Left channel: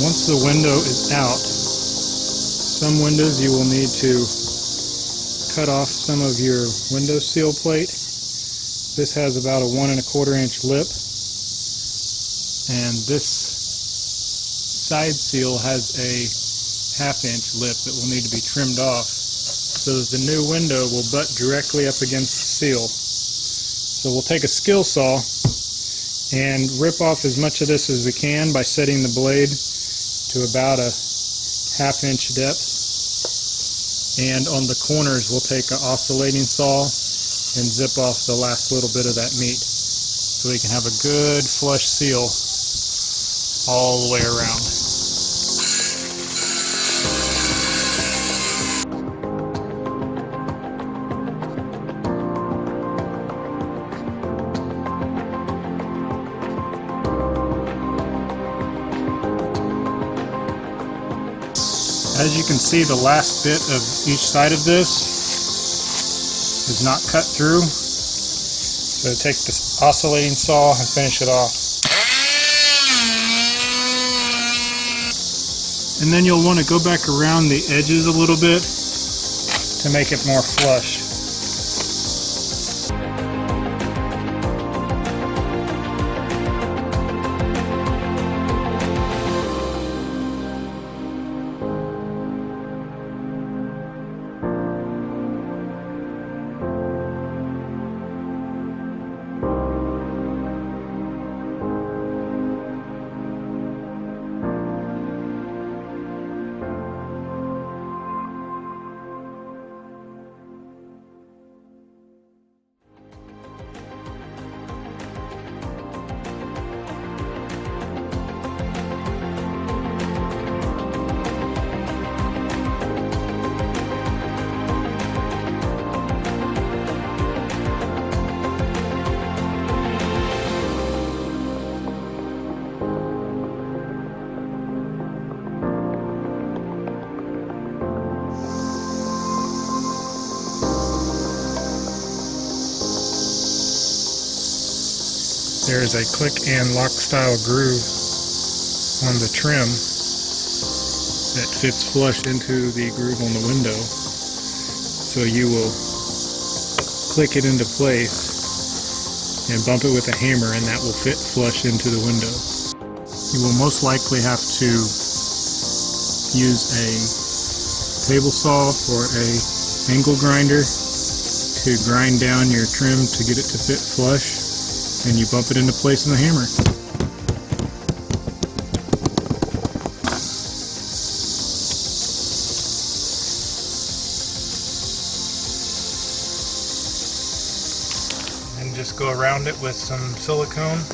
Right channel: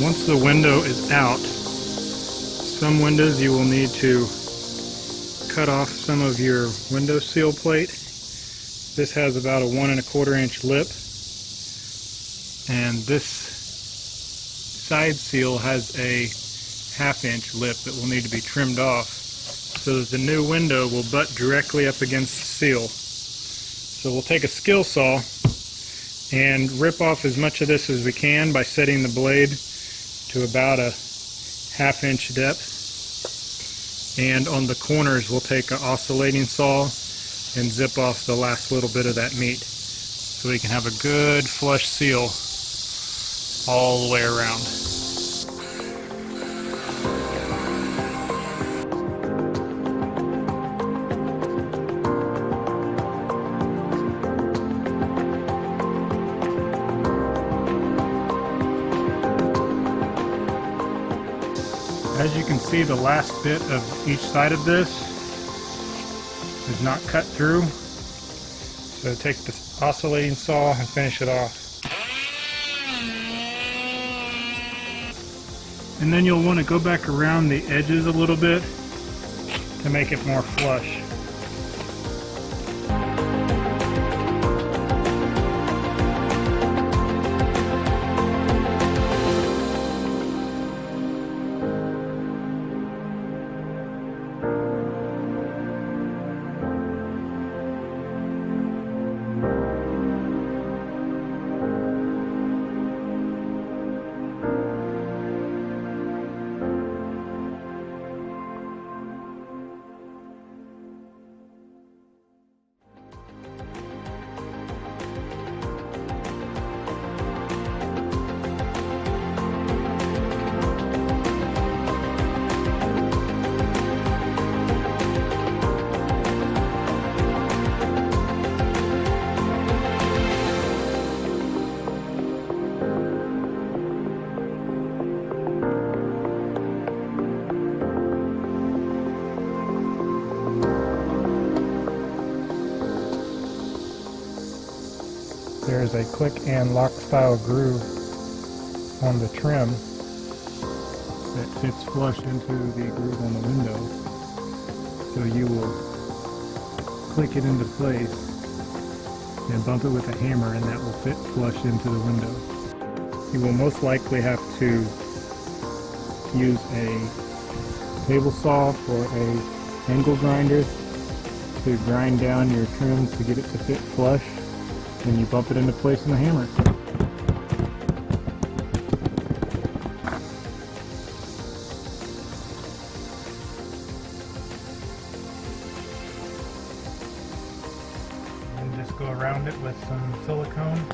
Once the window is out, some windows you will need to cut off some of your window seal plate. This has about a 1 1/4 inch lip, and this side seal has a 1/2 inch lip that will need to be trimmed off so that the new window will butt directly up against the seal. So we'll take a skill saw and rip off as much of this as we can by setting the blade to about a 1/2 inch depth. And on the corners we'll take an oscillating saw and zip off the last little bit of that meat so we can have a good flush seal all the way around. As you can see, the last bit of each side of this is not cut through. So take this oscillating saw and finish it off. And then you'll want to go back around the edges a little bit to make it more flush. There is a click and lock style groove on the trim that fits flush into the groove on the window. So you will click it into place and bump it with a hammer, and that will fit flush into the window. You will most likely have to use a table saw or a angle grinder to grind down your trim to get it to fit flush, and you bump it into place in the hammer. And just go around it with some silicone.